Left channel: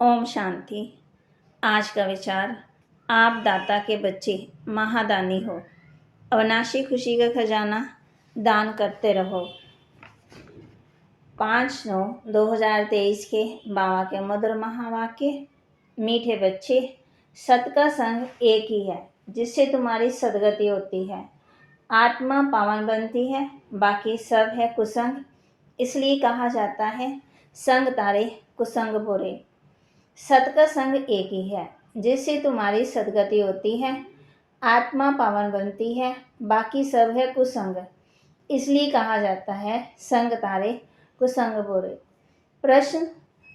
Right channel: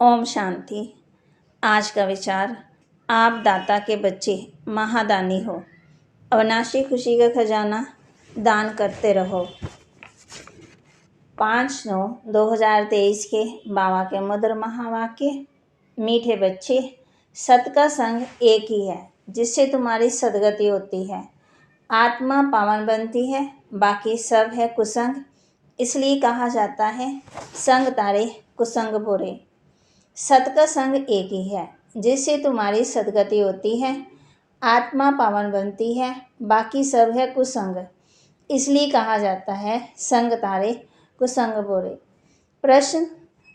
ओम शांति। आज का विचार, आप दाता के बच्चे महादानी हो, अविनाशी खुशी का खजाना दान करते रहो। 5/9/2023 के बाबा के मधुर महावाक्य। मीठे बच्चे, सत का संग एक ही है जिससे तुम्हारी सदगति होती है। आत्मा पावन बनती है, बाकी सब है कुसंग। इसलिए कहा जाता है, संग तारे कुसंग बुरे। सत का संग एक ही है जिससे तुम्हारी सदगति होती है। आत्मा पावन बनती है, बाकी सब है कुसंग। इसलिए कहा जाता है, संग तारे कुसंग बुरे। प्रश्न,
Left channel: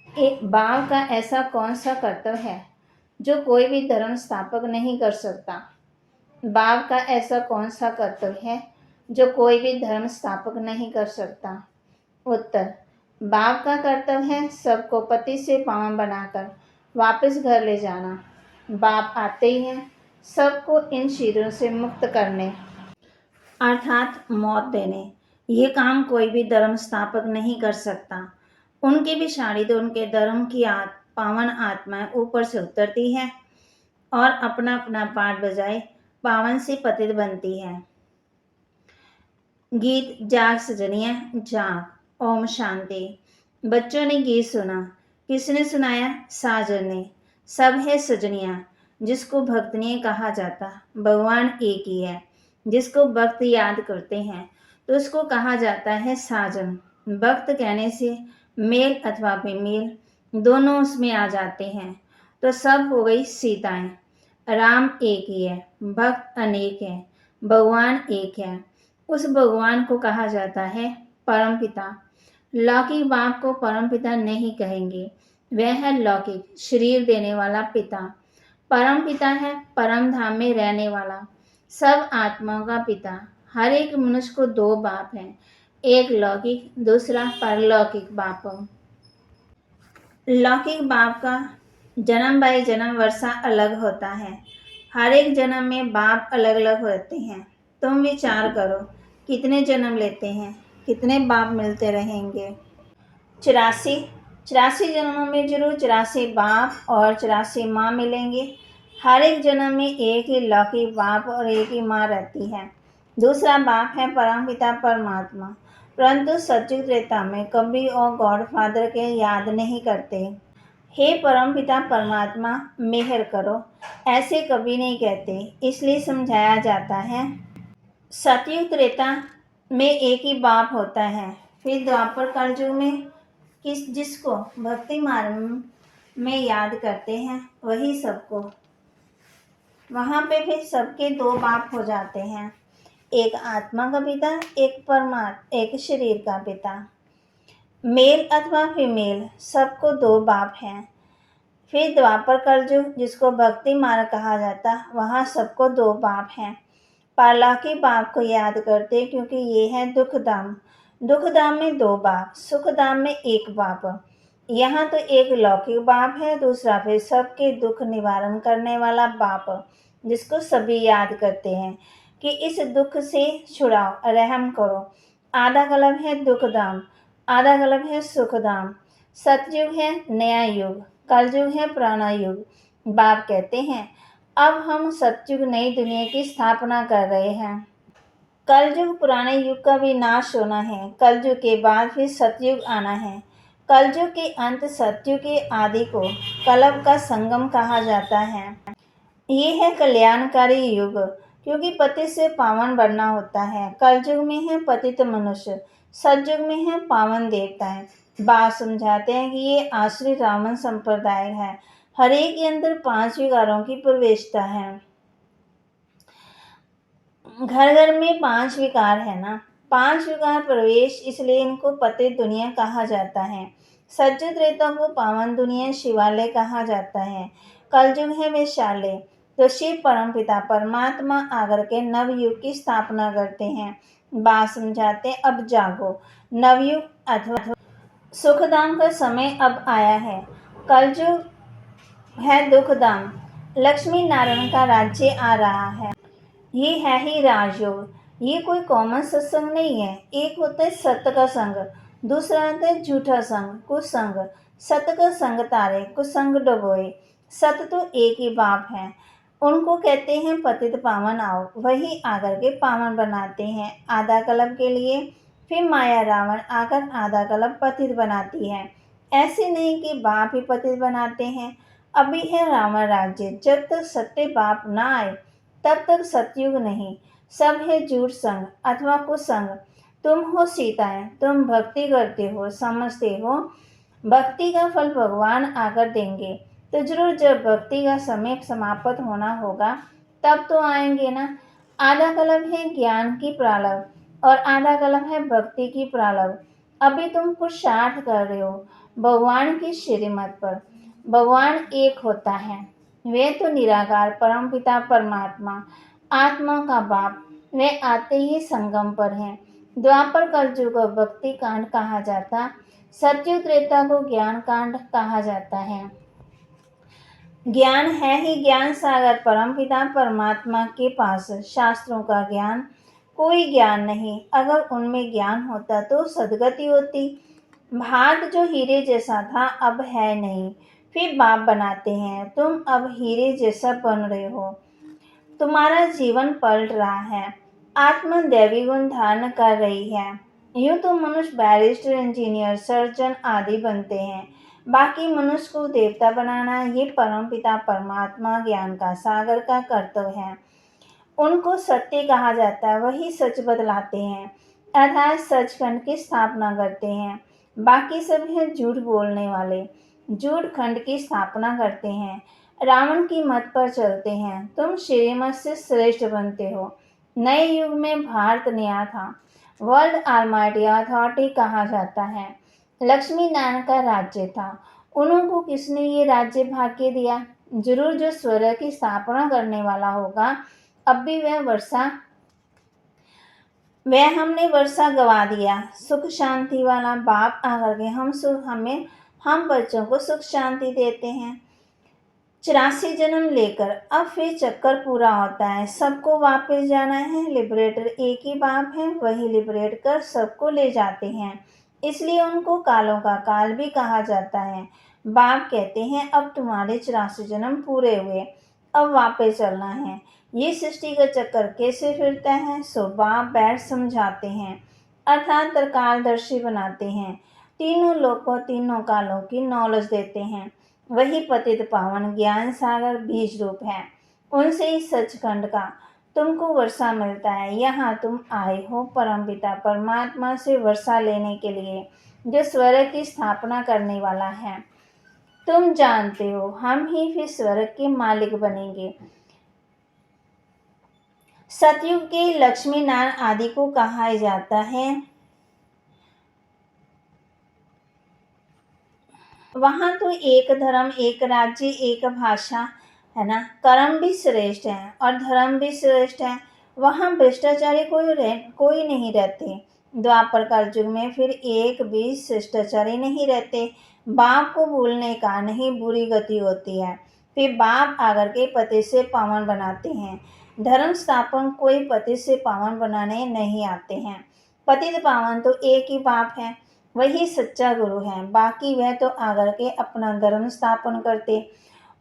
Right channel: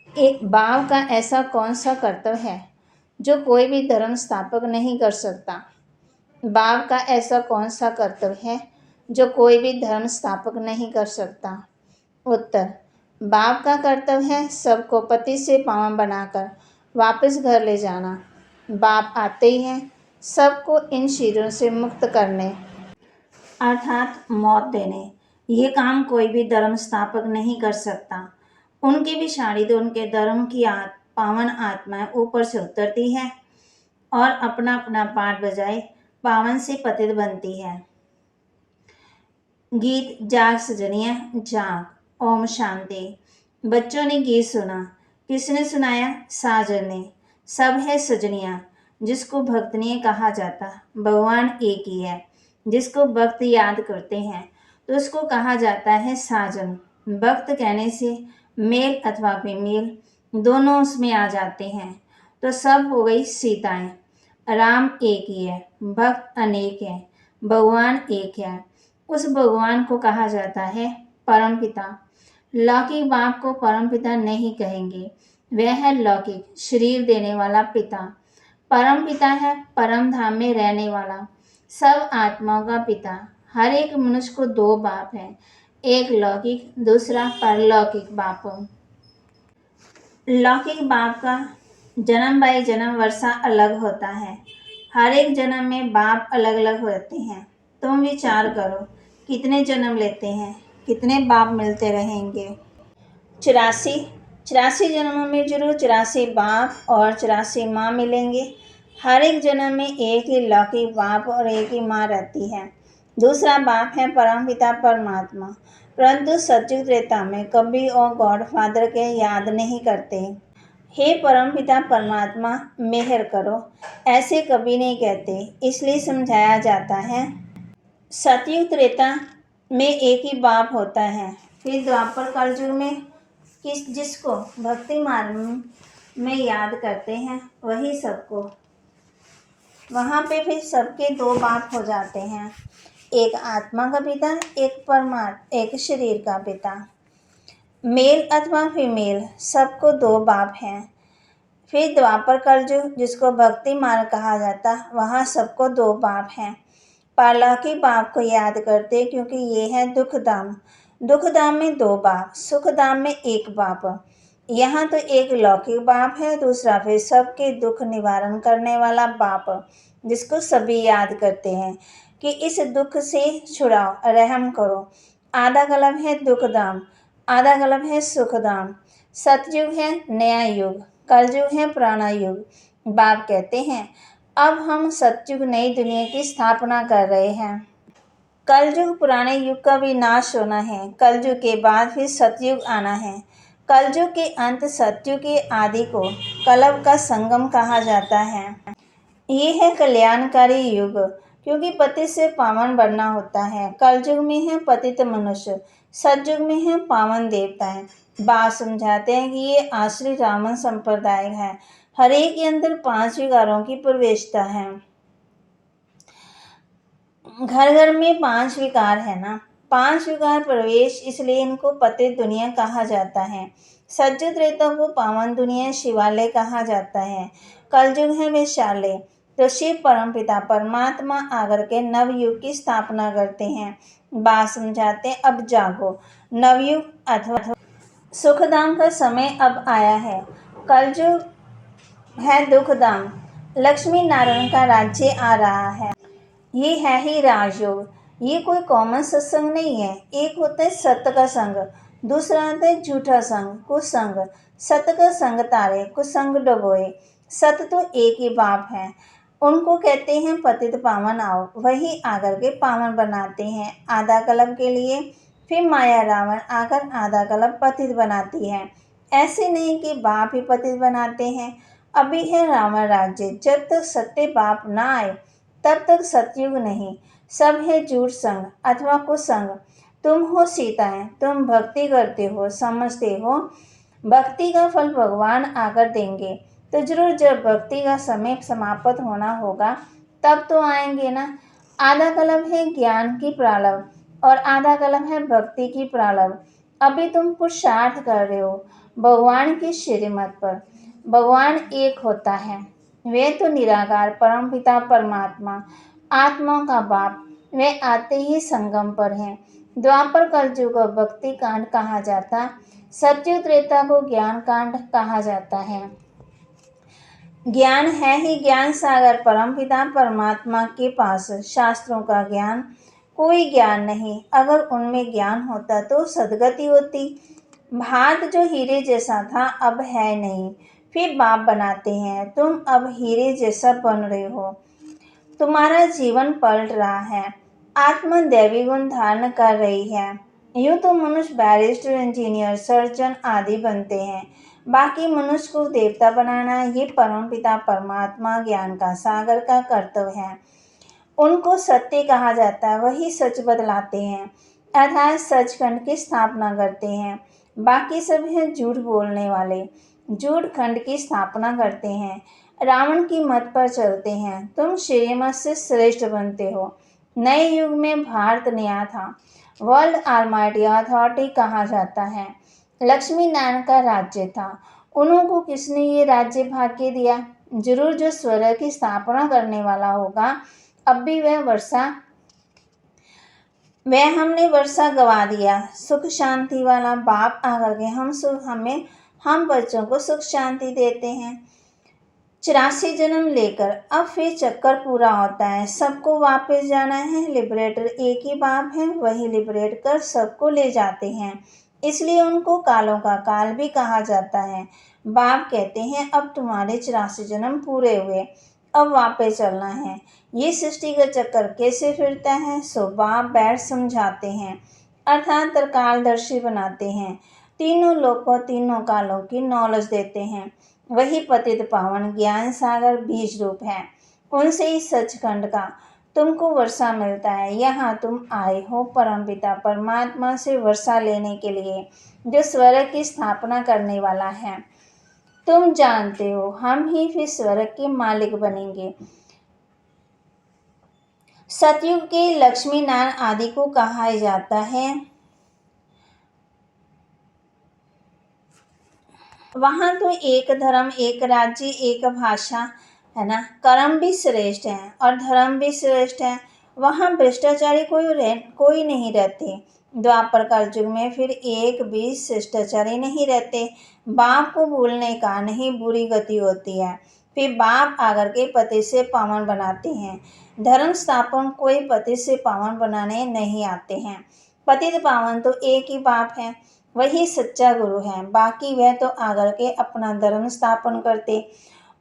एक बाप का ऐसा कौन सा कर्तव्य है जो कोई भी धर्म स्थापक नहीं कर सकता? बाप का ऐसा कौन सा कर्तव्य है जो कोई भी धर्म स्थापक नहीं कर सकता? उत्तर, बाप का कर्तव्य है सबको पति से पावन बनाकर वापस घर ले जाना। बाप आते ही हैं सबको इन शरीरों से मुक्त करने, अर्थात मौत देने। ये काम कोई भी धर्म स्थापक नहीं कर सकता। उनकी भी शारीद उनके धर्म की पावन आत्माएं ऊपर से उतरती है और अपना अपना पाठ बजाए पावन से पतित बनती है। गीत जाग सजनिया जाग। ओम शांति। बच्चों ने गीत सुना। किसने सुनाया? साजन ने। सब है सजनिया जिसको भक्तनीय कहा जाता। भगवान एक ही है। जिसको भक्त याद करते हैं तो उसको कहा जाता है साजन। भक्त कहने से मेल अथवा बेमेल दोनों उसमें आ जाते हैं, तो सब हो गई सीताएं। राम एक ही है, भक्त अनेक है, भगवान एक है। उस भगवान को कहा जाता है परमपिता। लौकिक बाप को परमपिता नहीं कहेंगे, वह है लौकिक शरीर देने वाला पिता। परम पिता है परम धाम में रहने वाला, सब आत्माओं का पिता। हर एक मनुष्य को दो बाप हैं, एक लौकिक, दूसरा परलौकिक बाप। लौकिक बाप का जन्म बाई जन्म वर्षा अलग होता है। हर एक जन्म में बाप अलग अलग होते हैं। तुम विचार करो, कितने जन्म लेते हैं, कितने बाप मिलते रहेंगे? 84 जन्मों में जरूर 84 बाप और 84 माँ मिलेंगे। हर एक जन्म में एक ही लौकिक बाप और एक ही माँ रहती है। दूसरा बाप है परमपिता परमात्मा, परंतु सतयुग त्रेता में कभी और गॉड फादर के याद नहीं करते। हे परमपिता परमात्मा मेहर करो, ऐसे कभी नहीं कहते। इसलिए समझाया जाता है, सतयुग त्रेता में एक ही बाप होता है। फिर द्वापर कलयुग में जिसको भक्ति मार्ग में याद करते हैं वही सबको, वहाँ पे फिर सबके दो बाप हो जाते हैं, एक आत्मा का पिता, एक परमात्मा, एक शरीर का पिता। मेल अथवा फीमेल सबको दो बाप हैं। फिर द्वापर कलयुग जिसको भक्ति मार्ग कहा जाता, वहाँ सबको दो बाप हैं। परलौकिक बाप को याद करते क्योंकि ये है दुखधाम। दुखधाम में दो बाप, सुखधाम में एक बाप। यहाँ तो एक लौकिक बाप है, दूसरा फिर सबके दुख निवारण करने वाला बाप, जिसको सभी याद करते हैं कि इस दुख से छुड़ाओ, रहम करो। आधा कलम है दुखधाम, आधा कलम है सुखधाम। सतयुग है नया युग, कलयुग है पुराना युग। बाप कहते हैं, अब हम सतयुग नई दुनिया की स्थापना कर रहे हैं। कलयुग पुराने युग का विनाश होना है, कलयुग के बाद फिर सतयुग आना है। कलयुग के अंत सतयुग के आदि को कलप का संगम कहा जाता है। ये है कल्याणकारी युग, क्योंकि पतित से पावन बनना होता है। कलयुग में है पतित मनुष्य, सतयुग में है पावन देवताएं। बाप समझाते हैं कि ये आश्रित रावण संप्रदाय है। हर एक के अंदर 5 विकारों की प्रवेशता है। घर घर में 5 विकार है ना, 5 विकार प्रवेश, इसलिए इनको पतित दुनिया कहा जाता है। सतयुग त्रेता को पावन दुनिया शिवालय कहा जाता है। कलयुग है वैशाल्य। तो शिव परमपिता परमात्मा आकर के नवयुग की स्थापना करते हैं। बात समझाते हैं, अब जागो, नवयुग अथवा सुखधाम का समय अब आया है। कलयुग है दुखधाम, लक्ष्मी नारायण का राज्य आ रहा है। ये है ही राजयोग। ये कोई कॉमन सत्संग नहीं है। एक होता है सत्य का संग, दूसरा होता है झूठा संग, कुसंग। सत का संग तारे, कुसंग डुबोए। सत तो एक ही बाप है, उनको कहते हैं पतित पावन आओ, वही आकर के पावन बनाते हैं आधा कल्प के लिए। फिर माया रावण आकर आधा कल्प पतित बनाती है। ऐसे नहीं कि बाप ही पतित बनाते हैं। अभी है रावण राज्य, जब तक सत्य बाप ना आए तब तक सतयुग नहीं। सब है झूठ संग अथवा कुसंग। तुम हो सीताएं, तुम भक्ति करते हो, समझते हो भक्ति का फल भगवान आकर देंगे। तो जरूर जब भक्ति का समय समाप्त होना होगा तब तो आएंगे ना। आधा कल्प है ज्ञान की प्रारंभ और आधा कल्प है भक्ति की प्रारंभ। अभी तुम पुरुषार्थ कर रहे हो भगवान की श्रीमत पर। भगवान एक होता है, वे तो निराकार परम पिता परमात्मा, आत्मा का बाप। वे आते ही संगम पर हैं। द्वापर कलयुग को भक्ति कांड कहा जाता, सतयुग त्रेता को ज्ञान कांड कहा जाता है। ज्ञान है ही ज्ञान सागर परमपिता परमात्मा के पास। शास्त्रों का ज्ञान कोई ज्ञान नहीं, अगर उनमें ज्ञान होता तो सदगति होती। भाट जो हीरे जैसा था अब है नहीं, फिर बाप बनाते हैं। तुम अब हीरे जैसा बन रहे हो, तुम्हारा जीवन पलट रहा है, आत्मा दैवी गुण धारण कर रही है। यूं तो मनुष्य बैरिस्टर, इंजीनियर, सर्जन आदि बनते हैं, बाकी मनुष्य को देवता बनाना ये परमपिता परमात्मा ज्ञान का सागर का कर्तव्य है। उनको सत्य कहा जाता है, वही सच बतलाते हैं, अर्थात सचखंड की स्थापना करते हैं। बाकी सब हैं झूठ बोलने वाले, झूठ खंड की स्थापना करते हैं, रावण की मत पर चलते हैं। तुम श्रीमत से श्रेष्ठ बनते हो। नए युग में भारत नया था, वर्ल्ड आलमाइटी अथॉरिटी कहा जाता है। लक्ष्मी नारायण का राज्य था, उन्होंने किसने ये राज्य भाग के दिया? जरूर जो स्वर्ग की स्थापना करने वाला होगा। अब भी वह हमने वर्षा गवा दिया। सुख शांति वाला बाप आकर के हम बच्चों को सुख शांति देते हैं। 84 जन्म लेकर अब फिर चक्कर पूरा होता है, सबको वापस जाना है। लिबरेटर एक ही बाप है, वही लिबरेट कर सबको ले जाते हैं, इसलिए उनको कालों का काल भी कहा जाता है। बाप कहते हैं अब तुम्हारे 84 जन्म पूरे हुए, अब वापस चलना है। ये सृष्टि का चक्कर कैसे फिरता है, सो बाप बैठ समझाते हैं, अर्थात त्रिकालदर्शी बनाते हैं। तीनों लोकों तीनों कालों की नॉलेज देते हैं। वही पतित पावन ज्ञान सागर बीज रूप है, उनसे ही सचखंड का तुमको वर्षा मिलता है। यहाँ तुम आए हो परमपिता परमात्मा से वर्षा लेने के लिए, जो स्वर्ग की स्थापना करने वाला है। तुम जानते हो हम ही फिर स्वर्ग के मालिक बनेंगे। सतयुग के लक्ष्मी नारायण आदि को कहा जाता है। वहां तो एक धर्म, एक राज्य, एक भाषा है ना। कर्म भी श्रेष्ठ है और धर्म भी श्रेष्ठ है। वहां भ्रष्टाचारी कोई नहीं रहते। द्वापर कलयुग में फिर एक भी शिष्टाचारी नहीं रहते। बाप को भूलने का नहीं बुरी गति होती है, फिर बाप आकर के पति से पावन बनाते हैं। धर्म स्थापन कोई पति से पावन बनाने नहीं आते हैं। पतित पावन तो एक ही बाप है, वही सच्चा गुरु है, बाकी वह तो आकर के अपना धर्म स्थापन करते।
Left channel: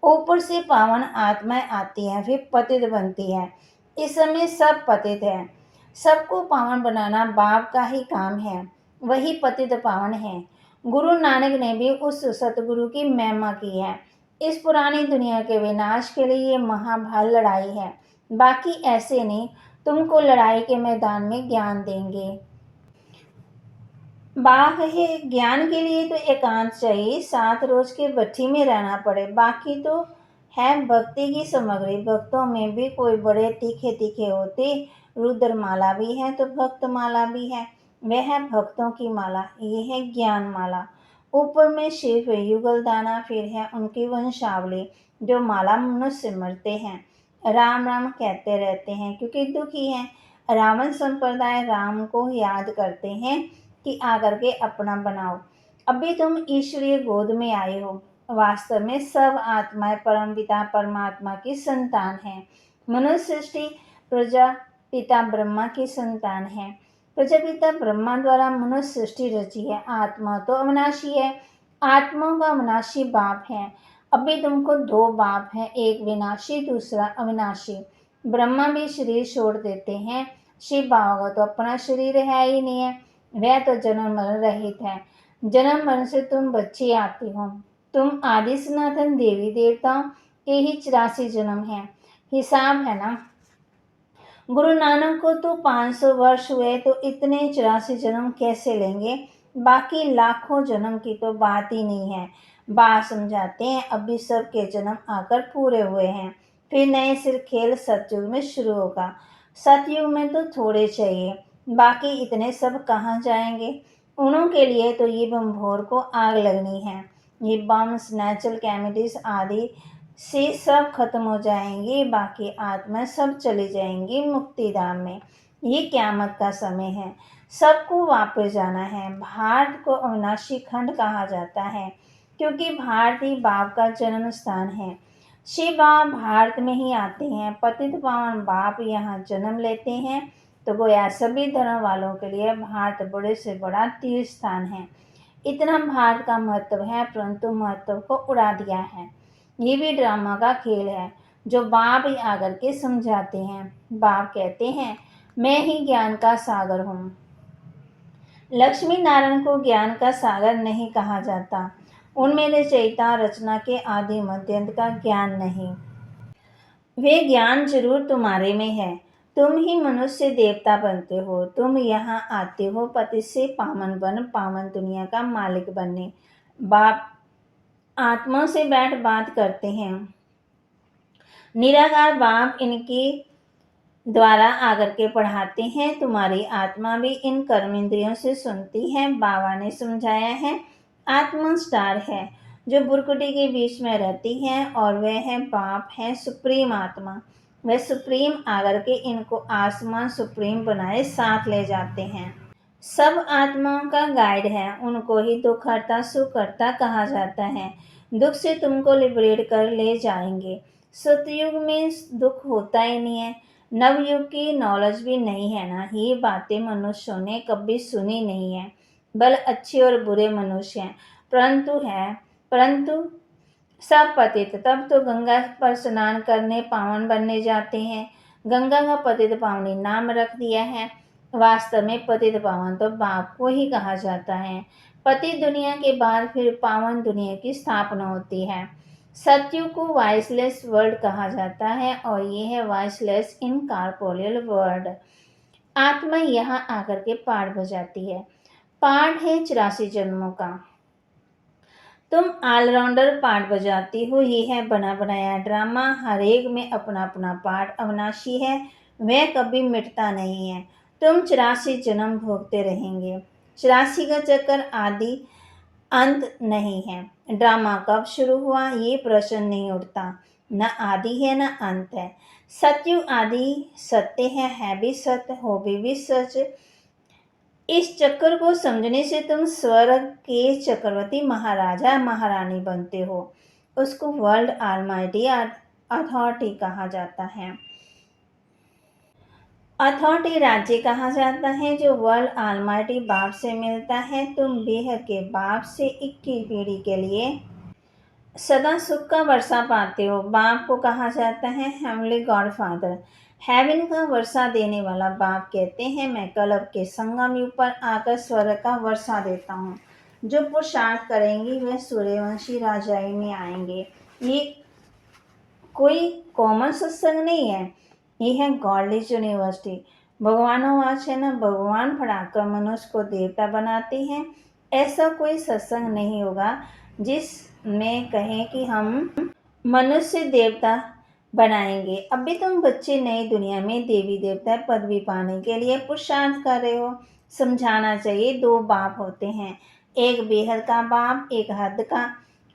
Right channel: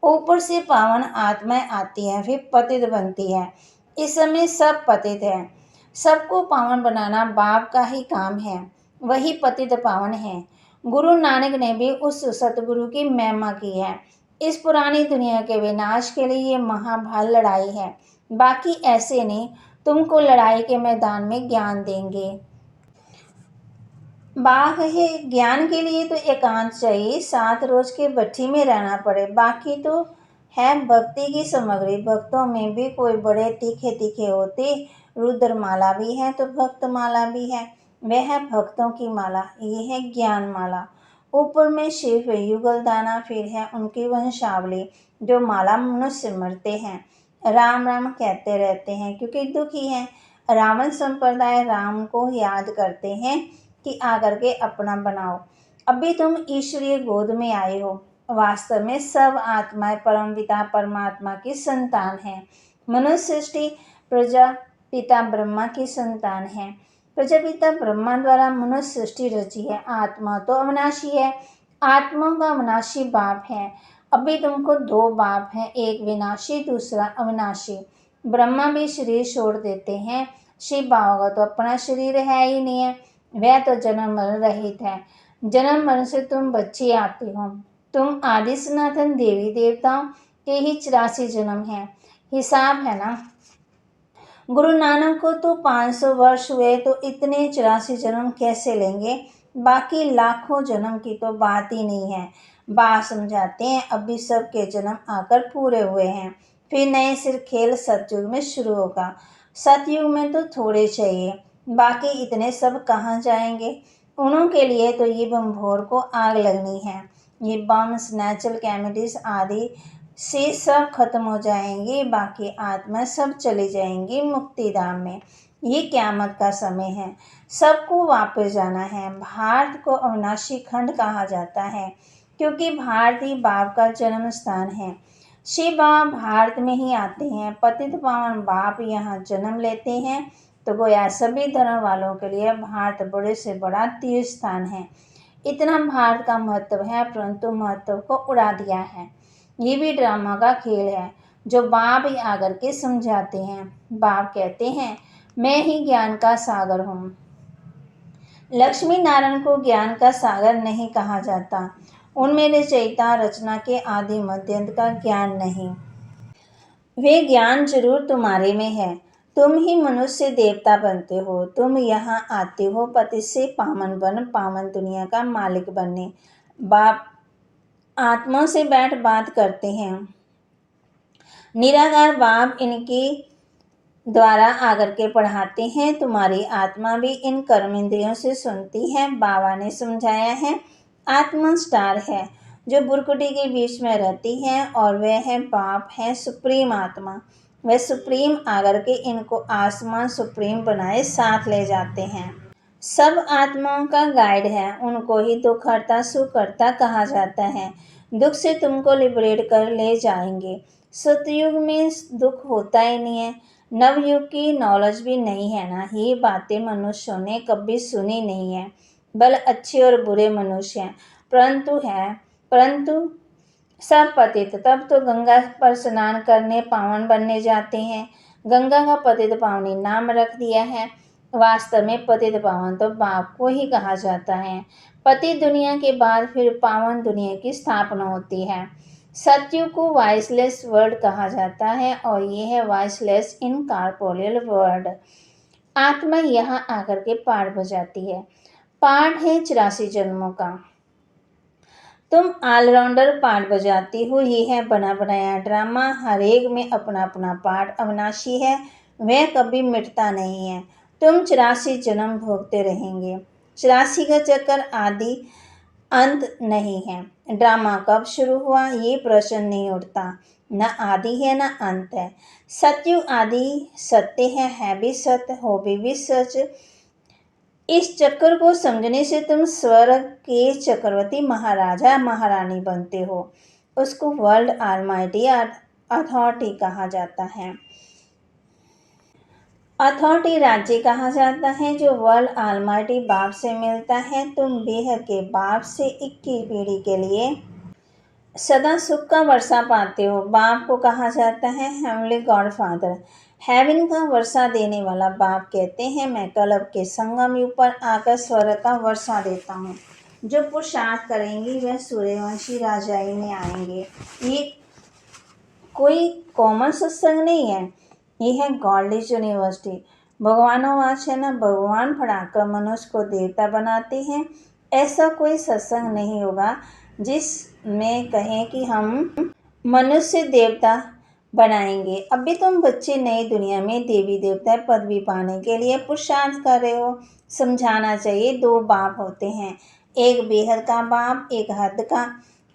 ऊपर से पावन आत्माएं आती है, फिर पतित बनती है। इस समय सब पतित है, सबको पावन बनाना बाप का ही काम है, वही पतित पावन है। गुरु नानक ने भी उस सतगुरु की महिमा की है। इस पुरानी दुनिया के विनाश के लिए ये महाभारत लड़ाई है, बाकी ऐसे नहीं तुमको लड़ाई के मैदान में ज्ञान देंगे। बाघ है, ज्ञान के लिए तो एकांत चाहिए, 7 रोज के भट्ठी में रहना पड़े। बाकी तो है भक्ति की सामग्री, भक्तों में भी कोई बड़े तीखे तीखे होते। रुद्रमाला भी है तो भक्त माला भी है, वह है भक्तों की माला, ये है ज्ञान माला। ऊपर में शिव युगल दाना, फिर है उनकी वंशावली, जो माला मनुष्य सिमरते हैं, राम राम कहते रहते हैं क्योंकि दुखी हैं। रावण संप्रदाय राम को याद करते हैं कि आकर के अपना बनाओ। अभी तुम ईश्वरीय गोद में आए हो, वास्तव में सब आत्माएं परमपिता परमात्मा की संतान है। मनुष्य सृष्टि प्रजापिता ब्रह्मा की संतान है। प्रजापिता ब्रह्मा द्वारा मनुष्य सृष्टि रची है। आत्मा तो अविनाशी है, आत्माओं का अविनाशी बाप है। अभी तुमको दो बाप हैं, एक विनाशी दूसरा अविनाशी। ब्रह्मा भी शरीर छोड़ देते हैं। शिव बाबा का तो अपना शरीर है ही नहीं है, वह तो जन्म मरण रहित है। जन्म मरण से तुम बच्चे आते हो। तुम आदि सनातन देवी देवताओं के ही 84 जन्म है, हिसाब है ना। गुरु नानक को तो 500 वर्ष हुए, तो इतने 84 जन्म कैसे लेंगे। बाकी लाखों जन्म की तो बात ही नहीं है। बाप समझाते हैं अभी सबके जन्म आकर पूरे हुए हैं, फिर नए सिर खेल सतयुग में शुरू होगा। सतयुग में तो थोड़े चाहिए, बाकी इतने सब कहाँ जाएंगे। उन्हों के लिए तो ये बम भोर को आग लगनी है। ये बम्स, नेचुरल कैमिटीज आदि से सब खत्म हो जाएंगी, बाकी आत्मा सब चली जाएंगी मुक्ति धाम में। ये क़यामत का समय है, सबको वापस जाना है। भारत को अविनाशी खंड कहा जाता है, क्योंकि भारत ही बाप का जन्म स्थान है। शिव बाबा भारत में ही आते हैं। पतित पावन बाप यहाँ जन्म लेते हैं, तो गोया सभी धर्म वालों के लिए भारत बड़े से बड़ा तीर्थ स्थान है। इतना भारत का महत्व है, परंतु महत्व को उड़ा दिया है। ये भी ड्रामा का खेल है, जो बाप ही आकर के समझाते हैं। बाप कहते हैं मैं ही ज्ञान का सागर हूँ। लक्ष्मी नारायण को ज्ञान का सागर नहीं कहा जाता। उनमें रचयिता रचना के आदि मध्यंत का ज्ञान नहीं। वे ज्ञान जरूर तुम्हारे में है। तुम ही मनुष्य देवता बनते हो। तुम यहाँ आते हो पति से पावन बन, पावन दुनिया का मालिक बनने। बाप आत्मा से बैठ बात करते हैं। निराकार बाप इनके द्वारा आकर के पढ़ाते हैं। तुम्हारी आत्मा भी इन कर्म इंद्रियों से सुनती है। बाबा ने समझाया है आत्मा स्टार है, जो बुरकुटी के बीच में रहती है, और वह है बाप है सुप्रीम आत्मा। वह सुप्रीम आकर के इनको आसमान सुप्रीम बनाए साथ ले जाते हैं। सब आत्माओं का गाइड है। उनको ही दुखहर्ता सुखहर्ता कहा जाता है। दुख से तुमको लिबरेट कर ले जाएंगे। सतयुग में दुख होता ही नहीं है। नवयुग की नॉलेज भी नहीं है ना। ये बातें मनुष्यों ने कभी सुनी नहीं है। बल अच्छे और बुरे मनुष्य हैं, परंतु सब पतित। तब तो गंगा पर स्नान करने पावन बनने जाते हैं। गंगा का पतित पावनी नाम रख दिया है। वास्तव में पतित पावन तो बाप को ही कहा जाता है। पतित दुनिया के बाद फिर पावन दुनिया की स्थापना होती है। सतयुग को वॉइसलेस वर्ल्ड कहा जाता है, और ये है वॉइसलेस इनकॉर्पोरियल वर्ल्ड। आत्मा यहाँ आकर के पाठ बजाती है। पाठ है 84 जन्मों का। तुम ऑलराउंडर पाठ बजाती हो। ये है बना बनाया ड्रामा। हर एक में अपना अपना पाठ अविनाशी है, वह कभी मिटता नहीं है। तुम 84 जन्म भोगते रहेंगे। 84 का चक्कर आदि अंत नहीं है। ड्रामा कब शुरू हुआ ये प्रश्न नहीं उठता। न आदि है न अंत है। सतयुग आदि सत्य है भी सत्य, हो भी सच। इस चक्कर को समझने से तुम स्वर्ग के चक्रवर्ती महाराजा महारानी बनते हो। उसको वर्ल्ड ऑलमाइटी अथॉरिटी कहा जाता है। अथॉरिटी राज्य कहा जाता है, जो वर्ल्ड ऑलमाइटी बाप से मिलता है। तुम बेहद के बाप से 21 पीढ़ी के लिए सदा सुख का वर्षा पाते हो। बाप को कहा जाता है हेवनली गॉड फादर, हेवन का वर्षा देने वाला। बाप कहते हैं मैं कल्प के संगम युग पर आकर स्वर्ग का वर्षा देता हूँ। जो पुरुषार्थ करेंगे वह सूर्यवंशी राजाई में आएंगे। ये कोई कॉमन सत्संग नहीं है, ये है गॉडलिस यूनिवर्सिटी। भगवानोवाच है ना, भगवान पढ़ाकर मनुष्य को देवता बनाते हैं। ऐसा कोई सत्संग नहीं होगा जिसमें कहें कि हम मनुष्य देवता बनाएंगे। अभी तुम बच्चे नई दुनिया में देवी देवता पदवी पाने के लिए पुरुषार्थ कर रहे हो। समझाना चाहिए दो बाप होते हैं, एक बेहद का बाप, एक हद का।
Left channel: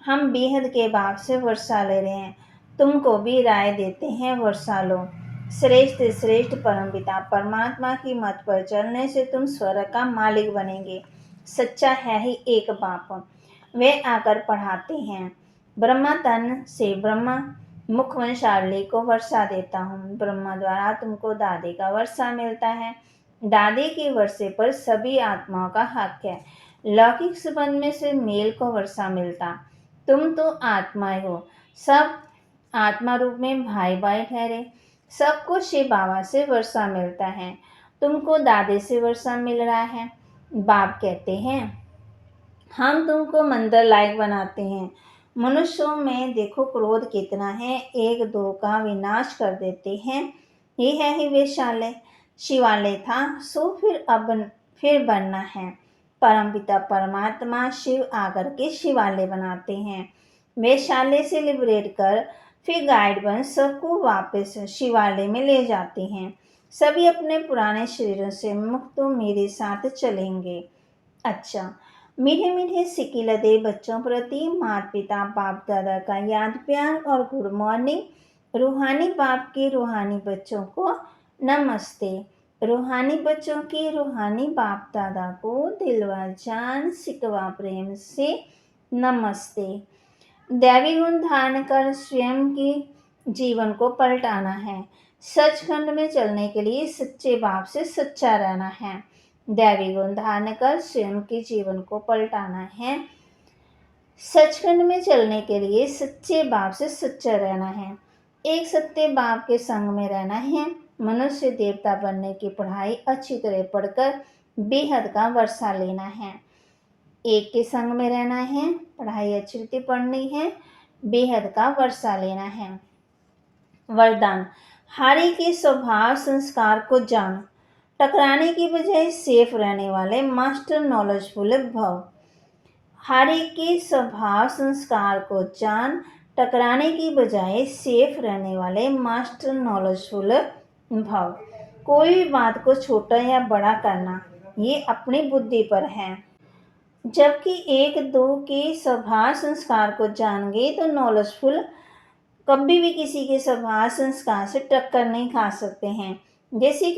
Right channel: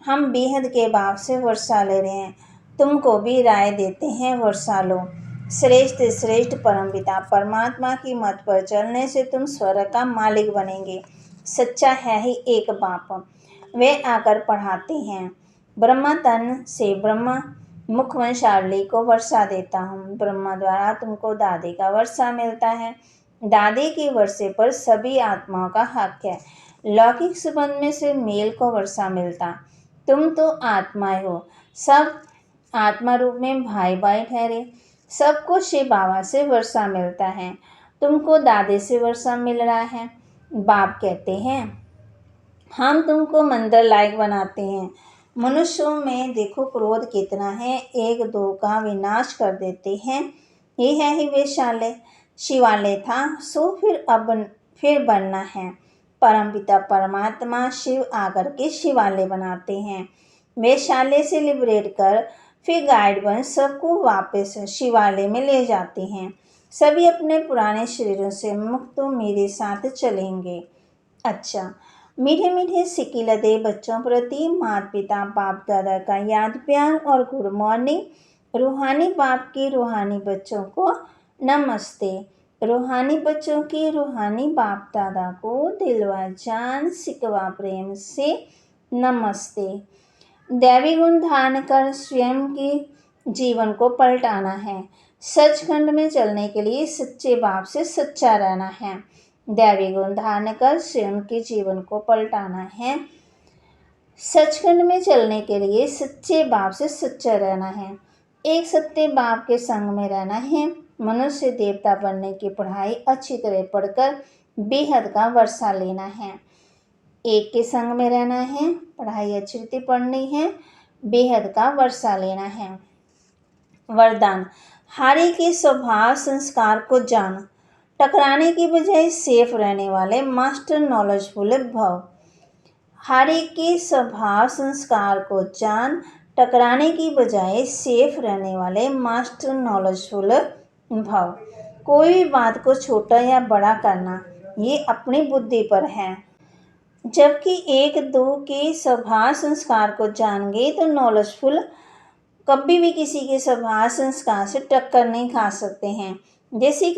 हम बेहद के बाप से वर्षा ले रहे हैं। तुमको भी राय देते हैं वर्षा लो। श्रेष्ठ श्रेष्ठ परमपिता परमात्मा की मत पर चलने से तुम स्वर्ग का मालिक बनेंगे। सच्चा है ही एक बाप। वे आकर पढ़ाते हैं। ब्रह्मा तन से ब्रह्मा मुख वंशावली को वर्षा देता हूँ। ब्रह्मा द्वारा तुमको दादी का वर्षा मिलता है। दादी के वर्षे पर सभी आत्माओं का हक है। लौकिक संबंध में से मेल को वर्षा मिलता। तुम तो आत्माएं हो, सब आत्मा रूप में भाई भाई ठहरे। सबको शिव बाबा से वर्षा मिलता है, तुमको दादे से वर्षा मिल रहा है। बाप कहते हैं हम तुमको मंदिर लायक बनाते हैं। मनुष्यों में देखो क्रोध कितना है, एक दो का विनाश कर देते हैं। ये है ही वैशाल्य। शिवालय था सो फिर बनना है। परमपिता परमात्मा शिव आकर के शिवालय बनाते हैं। वैशाल्य से लिबरेट कर फिर गाइड बन सबको वापस शिवालय में ले जाते हैं। सभी अपने पुराने शरीरों से मुक्त तो मेरे साथ चलेंगे। अच्छा, मीठे मीठे सिक्के लदे बच्चों प्रति माता पिता बाप दादा का याद प्यार और गुड मॉर्निंग। रूहानी बाप के रूहानी बच्चों को नमस्ते। रूहानी बच्चों के रूहानी बाप दादा को दिलवा जान सिकवा प्रेम से नमस्ते। दैवी गुण धारण कर स्वयं के जीवन को पलटाना है। सचखंड में चलने के लिए सच्चे बाप से सच्चा रहना है। दैवी गुण धारण कर स्वयं के जीवन को पलटाना है। सचखंड में चलने के लिए सच्चे बाप से सच्चा रहना है। एक सत्य बाप के संग में रहना है। मनुष्य देवता बनने की पढ़ाई अच्छी तरह पढ़कर बेहद का वर्षा लेना है। एक के संग में रहना है, पढ़ाई अच्छी रीति पढ़नी है, बेहद का वर्षा लेना है। वरदान, हारी के स्वभाव संस्कार को जान, टकराने की बजाय सेफ रहने वाले मास्टर नॉलेजफुल भव। हारी के स्वभाव संस्कार को जान, टकराने की बजाय सेफ रहने वाले मास्टर नॉलेजफुल भव। कोई भी बात को छोटा या बड़ा करना ये अपनी बुद्धि पर है। जबकि एक दो के स्वभाव संस्कार को जान गए तो नॉलेजफुल कभी भी किसी के स्वभाव संस्कार से टक्कर नहीं खा सकते हैं। जैसे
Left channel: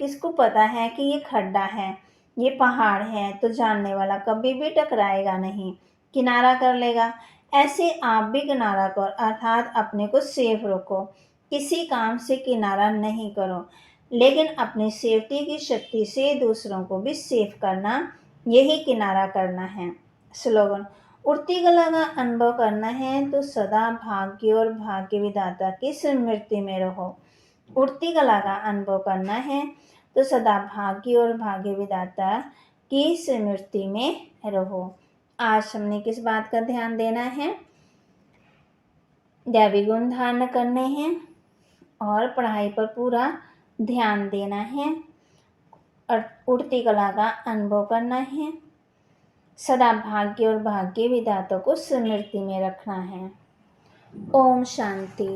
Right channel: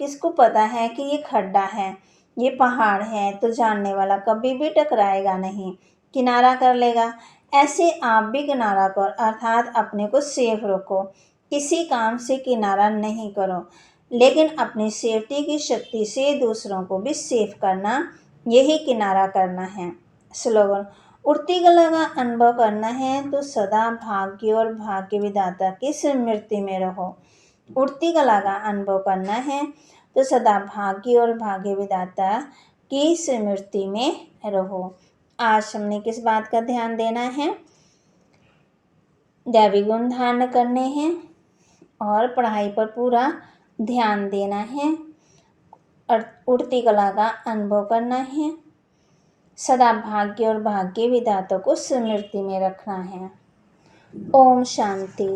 किसको पता है कि ये खड्डा है, ये पहाड़ है, तो जानने वाला कभी भी टकराएगा नहीं, किनारा कर लेगा। ऐसे आप भी किनारा कर, अर्थात अपने को सेफ रखो। किसी काम से किनारा नहीं करो, लेकिन अपनी सेफ्टी की शक्ति से दूसरों को भी सेफ करना, यही किनारा करना है। स्लोगन, उड़ती कला का अनुभव करना है तो सदा भाग्य और भाग्य विधाता की स्मृति में रहो। उड़ती कला का अनुभव करना है तो सदा भाग्य और भाग्य विधाता की स्मृति में रहो। आज हमने किस बात का ध्यान देना है? दैवी गुण धारण करने हैं और पढ़ाई पर पूरा ध्यान देना है और उड़ती कला का अनुभव करना है। सदा भाग्य और भाग्य विधाता को स्मृति में रखना है। ओम शांति।